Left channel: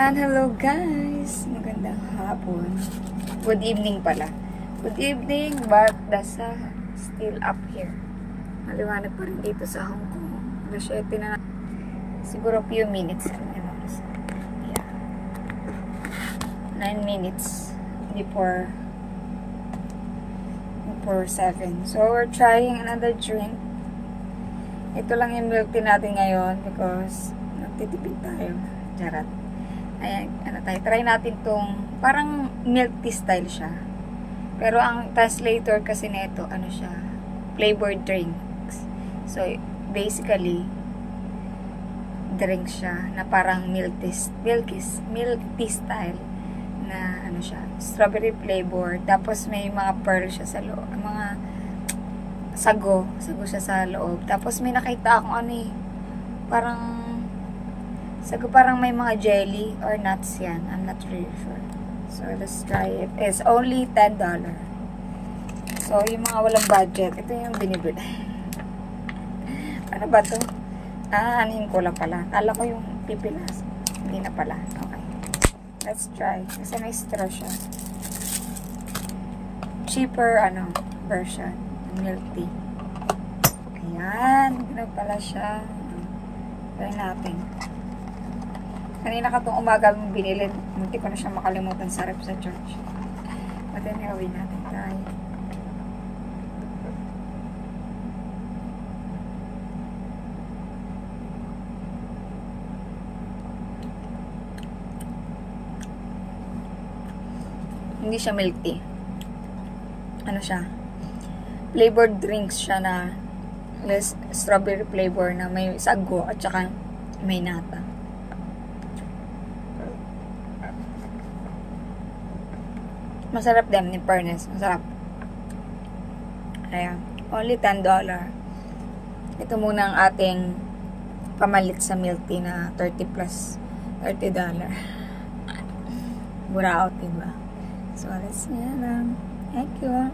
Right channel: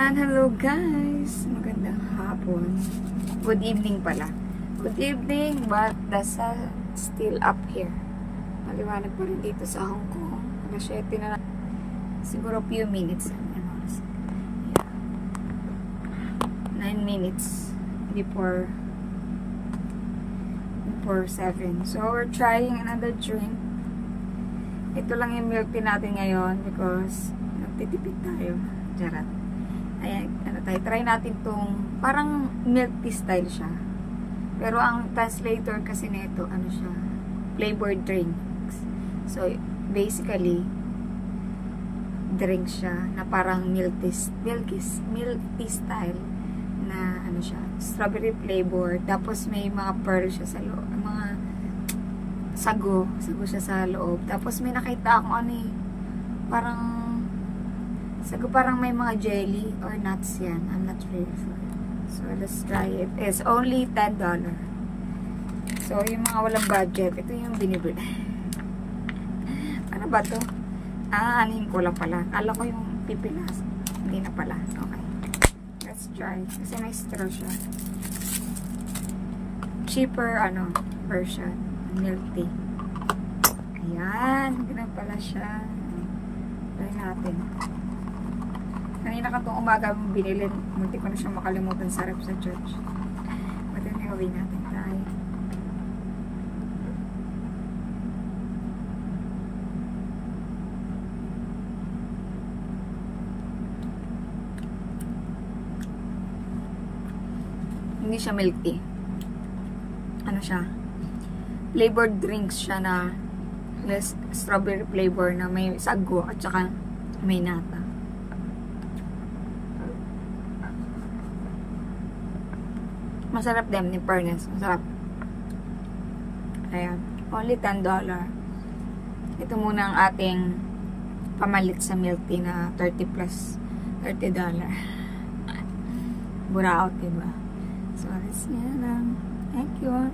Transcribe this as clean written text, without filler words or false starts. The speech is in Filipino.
And hello guys! Magandang hapon. Good evening pala. Good evening, but the sun still up here. Maliwanag pa rin dito sa Hong Kong. Alas 7 na. Siguro few minutes. Yeah. 9 minutes before 7. So we're trying another drink. Ito lang yung milk tea natin ngayon because nagtitipid tayo. Jarat. Ayan, try natin tong parang milk tea style siya. Pero ang translator kasi nito, siya, flavored drinks. So, basically, drink siya na parang milk tea style na siya, strawberry flavor. Tapos may mga pearl siya sa loob, mga sago siya sa loob. Tapos may nakita akong parang may mga jelly or nuts yan. I'm not really sure. So, let's try it. It's only $10. So, yung mga walang budget, ito yung binibili. Ano ba to? Anihin ko lang pala. Kala ko yung pipilas. Hindi na pala. Okay. Let's try. Kasi may straw siya. Cheaper, version. Milk tea. Ayan. Ganun pala siya. Try natin. Kanina ka itong umaga binili. Munti ko na siya makalimutan sa rep sa church. But anyway, natin try. Hindi siya milk tea. Ano siya? Flavored drinks siya na strawberry flavor na may sago at saka may nata. Masarap din ni fairness. Masarap. Ayan. Only $10. Ito muna ang ating pamalit sa milk tea na $30 plus. $30. Buraot, diba? So, alis niya lang. Thank you.